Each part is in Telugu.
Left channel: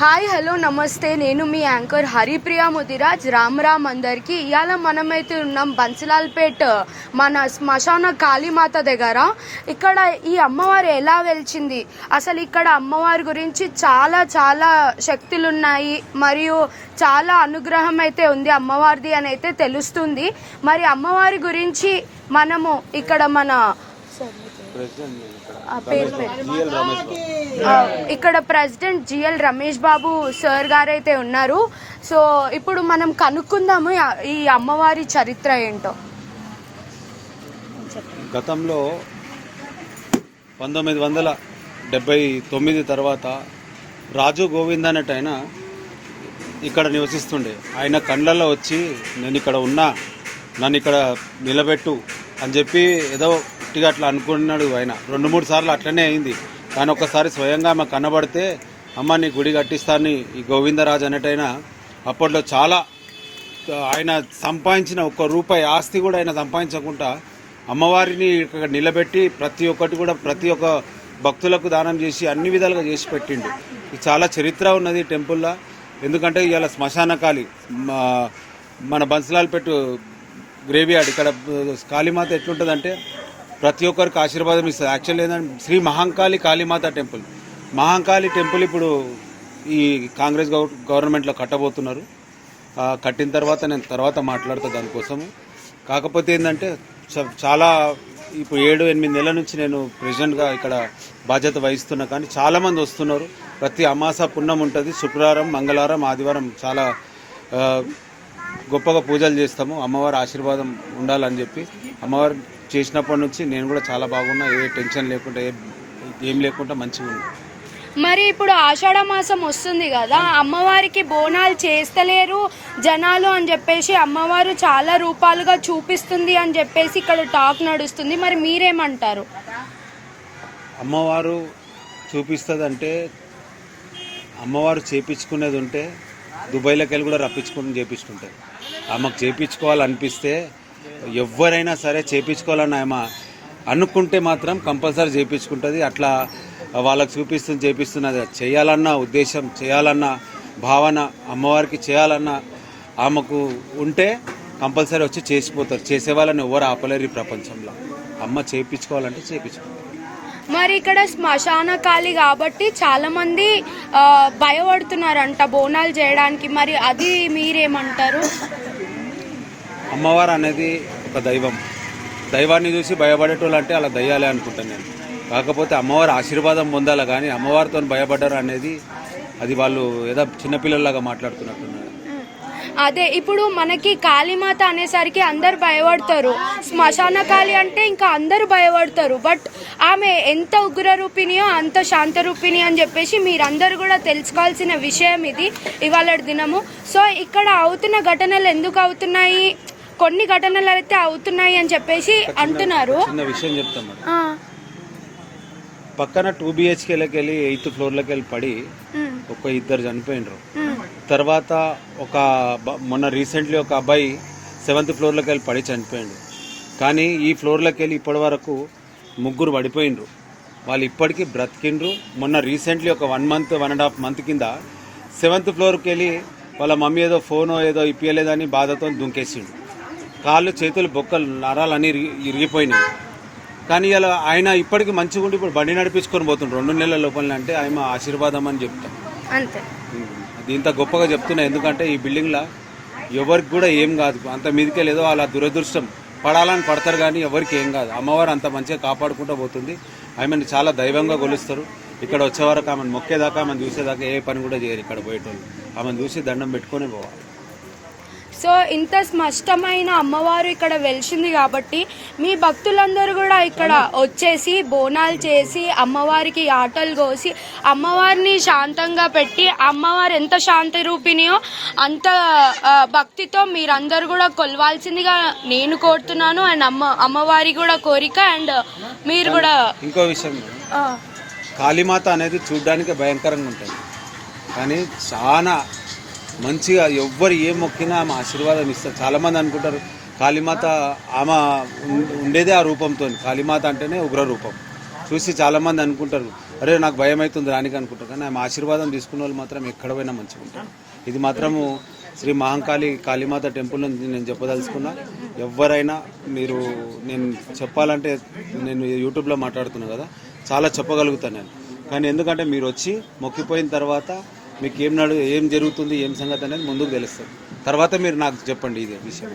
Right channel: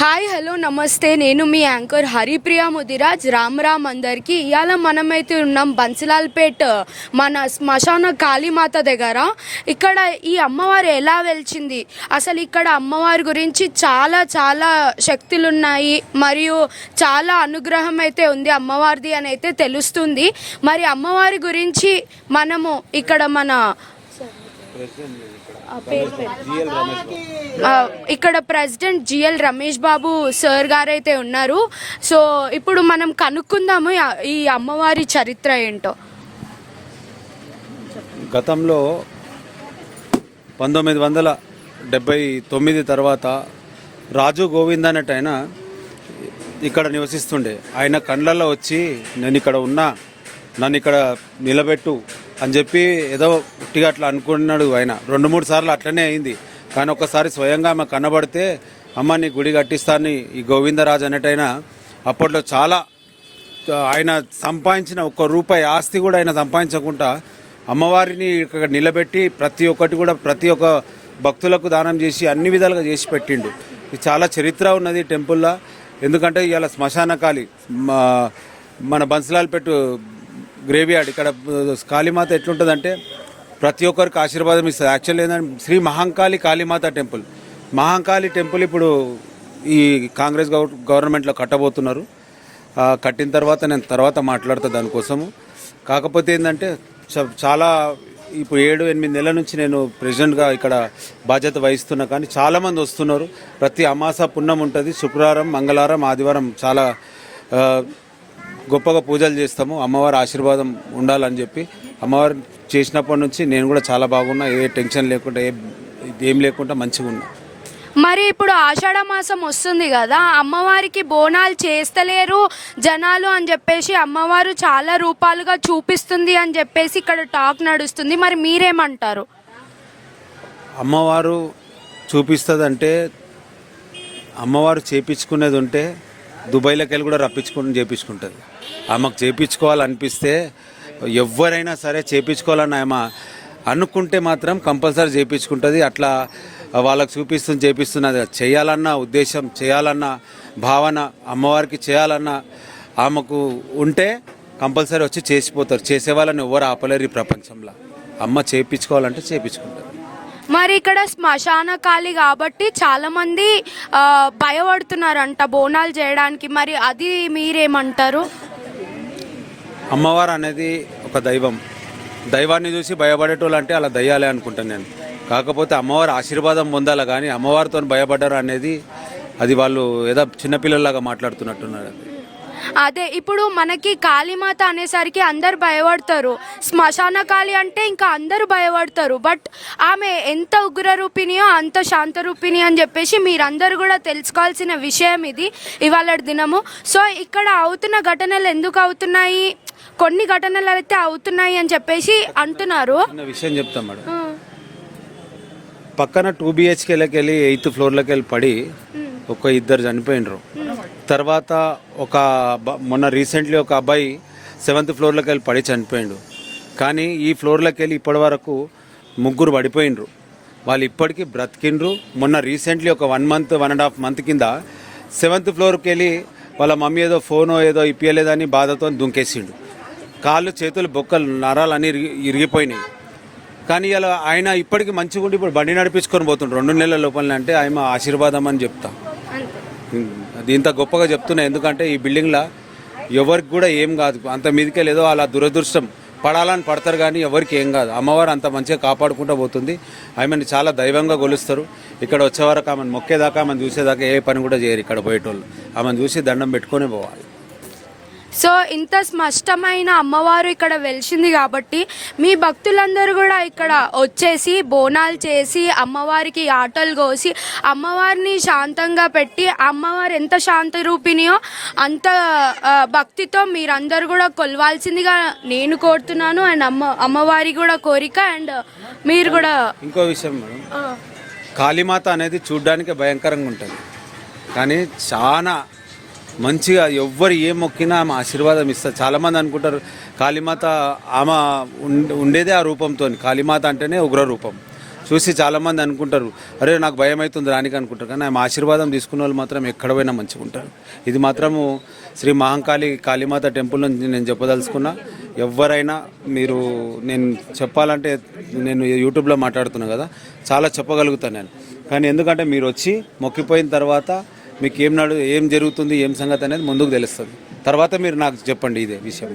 హాయ్ హలో నమస్తే, నేను మీ యాంకర్ హరిప్రియ ముదిరాజ్. రామ్ అందరికి. ఇవాళ మనమైతే ఉన్నాం బన్సిలాల్పేట్ మన శ్మశాన కాళీమాత దగ్గర. ఇక్కడ ఈ అమ్మవారు ఎలా వెలిచింది, అసలు ఇక్కడ అమ్మవారి గురించి చాలా చాలా శక్తులు ఉన్నాయి మరియు చాలా అనుగ్రహం అయితే ఉంది అమ్మవారిది అని అయితే తెలుస్తుంది. మరి అమ్మవారి గురించి మనము ఇక్కడ మన ఇక్కడ president GL Ramesh Babu sir గారు అయితే ఉన్నారు. సో ఇప్పుడు మనం కనుక్కుందాము ఈ అమ్మవారి చరిత్ర ఏంటో. గతంలో 1979 తర్వాత రాజు గోవింద్ అనేట ఆయన ఇక్కడ నివసిస్తుండే. ఆయన కండ్లలో వచ్చి నేను ఇక్కడ ఉన్నా, నన్ను ఇక్కడ నిలబెట్టు అని చెప్పి ఏదో ఇట్టిగా అట్లా అనుకున్నాడు. ఆయన 2-3 సార్లు అట్లనే అయింది. కానీ ఒకసారి స్వయంగా ఆమె కనబడితే అమ్మ నీ గుడి కట్టిస్తాను ఈ గోవిందరాజు అనేటైనా అప్పట్లో చాలా ఆయన సంపాదించిన ₹1 ఆస్తి కూడా ఆయన సంపాదించకుండా అమ్మవారిని ఇక్కడ నిలబెట్టి ప్రతి ఒక్క భక్తులకు దానం చేసి అన్ని విధాలుగా చేసి పెట్టిండు. ఇది చాలా చరిత్ర ఉన్నది టెంపుల్లో. ఎందుకంటే ఇవాళ శ్మశానకాళి మన బన్సిలాల్పేట్ గ్రేవ్యార్డ్ ఇక్కడ కాళీమాత ఎట్లుంటుందంటే ప్రతి ఒక్కరికి ఆశీర్వాదం ఇస్తుంది. యాక్చువల్లీ ఏంటంటే శ్రీ మహంకాళి కాళీమాత టెంపుల్. మహంకాళి టెంపుల్ ఇప్పుడు ఈ కాంగ్రెస్ గవర్నమెంట్లో కట్టబోతున్నారు. కట్టిన తర్వాత నేను తర్వాత మాట్లాడతా దానికోసము. కాకపోతే ఏంటంటే చాలా ఇప్పుడు 7-8 నెలల నుంచి నేను ప్రెసిడెంట్గా ఇక్కడ బాధ్యత వహిస్తున్నా. కానీ చాలామంది వస్తున్నారు. ప్రతి అమాస పుణ్యం ఉంటుంది. శుక్రవారం, మంగళవారం, ఆదివారం చాలా గొప్పగా పూజలు చేస్తాము. అమ్మవారి ఆశీర్వాదం ఉండాలని చెప్పి అమ్మవారు చేసినప్పటి నుంచి నేను కూడా చాలా బాగున్నా. ఏ టెన్షన్ లేకుండా ఏం లేకుండా మంచిగా ఉన్నా. మరి ఇప్పుడు ఆషాఢ మాసం వస్తుంది కదా, అమ్మవారికి బోనాలు చేస్తలేరు జనాలు అని చెప్పేసి అమ్మవారు చాలా రూపాలుగా చూపిస్తుంది అని చెప్పేసి ఇక్కడ టాక్ నడుస్తుంది. మరి మీరేమంటారు? అమ్మవారు చూపిస్తుందంటే అమ్మవారు చేపించుకునేది ఉంటే దుబాయ్లోకి వెళ్ళి కూడా చేపించుకుంటుంది. ఆమెకు చేపించుకోవాలనిపిస్తే ఎవరైనా సరే చేపించుకోవాలని ఆమె అనుకుంటే మాత్రం కంపల్సరీ చేపించుకుంటుంది. అట్లా వాళ్ళకి చేపిస్తున్నది చేయాలన్న ఉద్దేశం, చేయాలన్న భావన, అమ్మవారికి చేయాలన్న ఆమెకు ఉంటే కంపల్సరీ వచ్చి చేసిపోతారు. చేసేవాళ్ళని ఎవరు ఆపలేరు ఈ ప్రపంచంలో. అమ్మ చేపించుకోవాలంటే చేపించుకుంటారు. మరి ఇక్కడ శ్మశాన కాళీ కాబట్టి చాలా మంది భయపడుతున్నారంట బోనాలు చేయడానికి. మరి అది మీరేమంటారు? అమ్మవారు అనేది ఒక దైవం. దైవాన్ని చూసి భయపడేటోళ్ళు అంటే అలా దయ్యాలే అనుకుంటాను నేను. కాకపోతే అమ్మవారి ఆశీర్వాదం పొందాలి. కానీ అమ్మవారితో భయపడ్డారు అనేది అది వాళ్ళు ఏదో చిన్నపిల్లల్లాగా మాట్లాడుతున్నట్టున్నారు. అదే ఇప్పుడు మనకి కాళీమాత అనేసరికి అందరు భయపడతారు. శ్మశాన కాళీ అంటే ఇంకా అందరూ భయపడతారు. బట్ ఆమె ఎంత ఉగ్ర రూపిణియో అంత శాంత రూపిణి అని చెప్పేసి మీరందరూ కూడా తెలుసుకోవాల్సిన విషయం ఇది ఇవాళ దినము. సో ఇక్కడ అవుతున్న ఘటనలు ఎందుకు అవుతున్నాయి, కొన్ని ఘటనలు అయితే అవుతున్నాయి అని చెప్పేసి అంటున్నారు. విషయం చెప్తాం మేడం. పక్కన 2 BHKలోకి వెళ్ళి 8th ఫ్లోర్లోకి వెళ్ళి పడి ఒక 2 చనిపోయినరు. తర్వాత మొన్న రీసెంట్లీ ఒక అబ్బాయి 7th ఫ్లోర్లోకి వెళ్ళి పడి చనిపోయిండు. కానీ ఈ ఫ్లోర్లోకి వెళ్ళి ఇప్పటి వరకు 3 పడిపోయినరు. వాళ్ళు ఇప్పటికీ బ్రతికిండ్రు. మొన్న రీసెంట్లీ ఒక 1.5 మంత్ కింద 7th ఫ్లోర్కి వెళ్ళి వాళ్ళ మమ్మీ ఏదో ఫోనో ఏదో ఇప్పియలేదని బాధతో దుంకేసిండు. కాళ్ళు చేతులు బొక్కలు నరాలన్నీ ఇరిగిపోయినాయి. కానీ ఇలా ఆయన ఇప్పటికీ మంచిగా ఉండి ఇప్పుడు బండి నడిపించుకొని పోతుండ్రు 2 నెలల లోపలనే. అంటే ఆయన ఆశీర్వాదం అని చెప్తాం. ఇంత గొప్పగా చెప్తున్నా. ఎందుకంటే ఈ బిల్డింగ్లో ఎవరికి కూడా ఏం కాదు. అంత మీదకే లేదో అలా దురదృష్టం పడాలని పడతారు కానీ ఎవరికి ఏం కాదు. అమ్మవారు అంత మంచిగా కాపాడుకుంటూ పోతుంది. ఆమెను చాలా దైవంగా కొలుస్తారు. ఇక్కడ వచ్చేవరకు ఆమెను మొక్కేదాకా, ఆమెను చూసేదాకా ఏ పని కూడా చేయరు ఇక్కడ పోయేటోళ్ళు. ఆమెను చూసి దండం పెట్టుకొని పోవాలి. సో ఇంత స్పష్టమైన అమ్మవారు ఇక్కడ వెలిసింది కాబట్టి మీ భక్తులందరూ కూడా ఇక్కడ వచ్చేసి బోనాలు చేసి అమ్మవారికి ఆటలు కోసి అమ్మవారిని శాంతంగా పెట్టి అమ్మవారు ఎంత శాంత రూపిణియో అంత భక్తితో మీరందరూ కూడా కొలవాల్సిందిగా నేను కోరుతున్నాను. అండ్ అమ్మవారి కూడా కోరిక. అండ్ మీరు కూడా ఇంకో విషయం, కాళీమాత అనేది చూడ్డానికి భయంకరంగా ఉంటుంది కానీ చాలా మంచిగా ఎవ్వరు ఏం మొక్కినా ఆమె ఆశీర్వాదం ఇస్తారు. చాలామంది అనుకుంటారు కాళీమాత ఆమె ఉండేదే ఆ రూపంతో. కాళీమాత అంటేనే ఉగ్ర రూపం. చూసి చాలామంది అనుకుంటారు, అరే నాకు భయం అవుతుంది రానికి అనుకుంటారు. కానీ ఆమె ఆశీర్వాదం తీసుకున్న వాళ్ళు మాత్రం ఎక్కడ పోయినా మంచిగా ఉంటారు. ఇది మాత్రము శ్రీ మహంకాళి కాళీమాత టెంపుల్ నుంచి నేను చెప్పదలుచుకున్నా. ఎవరైనా మీరు, నేను చెప్పాలంటే నేను యూట్యూబ్లో మాట్లాడుతున్నా కదా, చాలా చెప్పగలుగుతాను నేను. కానీ ఎందుకంటే మీరు వచ్చి మొక్కిపోయిన తర్వాత మీకు ఏం జరుగుతుంది, ఏం సంగతి అనేది ముందుకు తెలుస్తుంది. తర్వాత మీరు నాకు చెప్పండి ఇదే విషయం.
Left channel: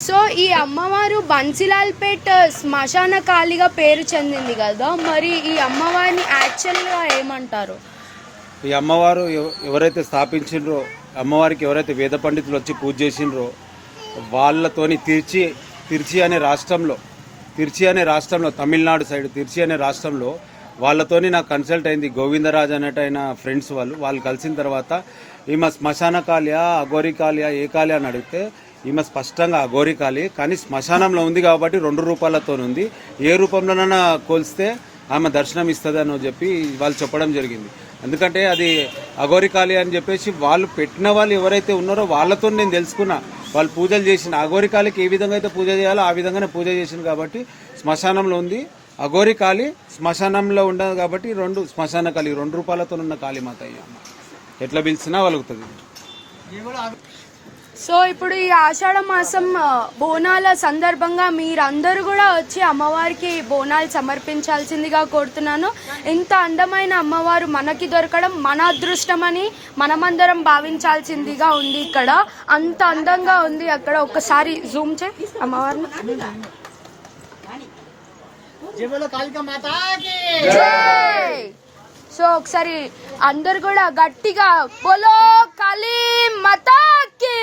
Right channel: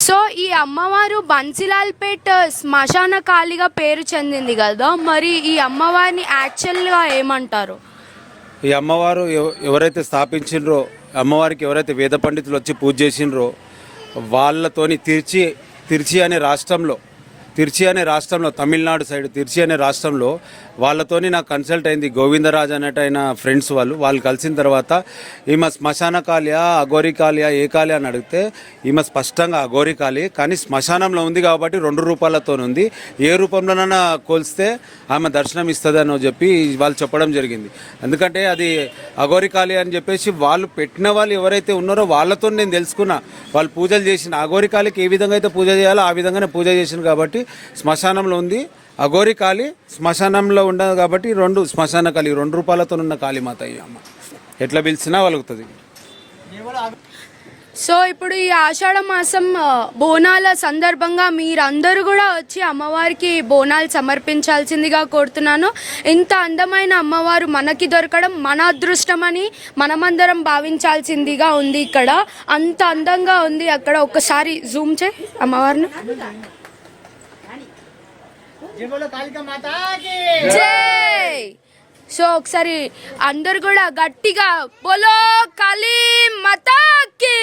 సో ఈ అమ్మవారు బన్సీలాల్పేట్ శ్మశాన కాళిగా పేరు చెందింది కదా, మరి ఈ అమ్మవారిని యాక్చువల్గా ఏమంటారు? ఈ అమ్మవారు ఎవరైతే స్థాపించిండ్రో, అమ్మవారికి ఎవరైతే వేద పండితులు వచ్చి పూజ చేసిండ్రో వాళ్ళతోని తిరుచి అనే రాష్ట్రంలో తమిళనాడు సైడ్ తిరుచి అనే రాష్ట్రంలో వాళ్ళతోని నాకు కన్సల్ట్ అయింది. గోవిందరాజ్ అనేట ఆయన ఫ్రెండ్స్ వాళ్ళు కలిసిన తర్వాత ఈమె శ్మశాన కాళియా అఘోరి కాళియా ఏ కాళి అని అడిగితే ఈమె స్పష్టంగా అఘోరి కాళి, కానీ శ్మశానంలో ఉంది కాబట్టి 2 రూపాయలతో ఉంది, ఏ రూపంలోనైనా కోల్స్తే ఆమె దర్శనం ఇస్తుంది అని చెప్పి వాళ్ళు చెప్పడం జరిగింది. ఎందుకంటే అది అఘోరి కాళి అని చెప్పేసి వాళ్ళు పెట్టిన వాళ్ళు ఎవరైతే ఉన్నారో వాళ్ళతో నేను తెలుసుకున్నా. వాళ్ళు పూజలు చేసిన అఘోరి కాళికి ఏ విధంగా అయితే పూజ చేయాలో ఆ విధంగానే పూజ చేసింది కాబట్టి శ్మశానంలో ఉంది. అఘోరి కాళి శ్మశానంలో ఉండదు కాబట్టి శ్మశాన కాళి 2 రూపాయలతో ఉన్న కాళీమాత అయ్యాము. ఎట్లా పిలిచినా వలుగుతుంది. సో ఇప్పుడు ఈ ఆషాఢ మాసం బోనాల సందర్భంగా మీరందరూ కూడా వచ్చి అమ్మవారికి బోనాలు సమర్పించాల్సిందిగా కోరుతున్నాను. ఇంత అందమైన అమ్మవారు మనకి దొరకడం మన అదృష్టమని మనమందరం భావించాల్సిందిగా ఉంది. ఇక్కడ అంత అందంగా ఉంది. అక్కడ ఒక్కసారి జూమ్ చేయి అమ్మవారిని. జై. సో ఒకసారి అందరు కూడా గట్టిగా బోలో కాళీ మాతాకి,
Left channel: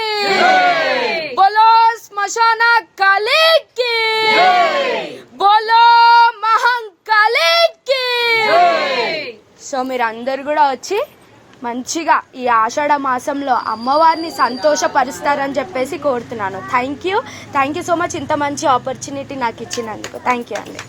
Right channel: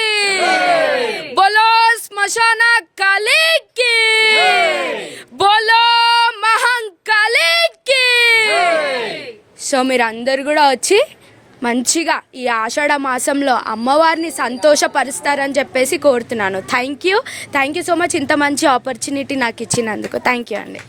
బోలో శ్మశాన కాళీకి, బోలో మహంకాళీకి. సో మీరు అందరు కూడా వచ్చి మంచిగా ఈ ఆషాఢ మాసంలో అమ్మవారిని సంతోషపరుస్తారని చెప్పేసి కోరుతున్నాను. థ్యాంక్ యూ సో మచ్ ఇంత మంచి ఆపర్చునిటీ నాకు ఇచ్చినందుకు. థ్యాంక్ యూ అండి.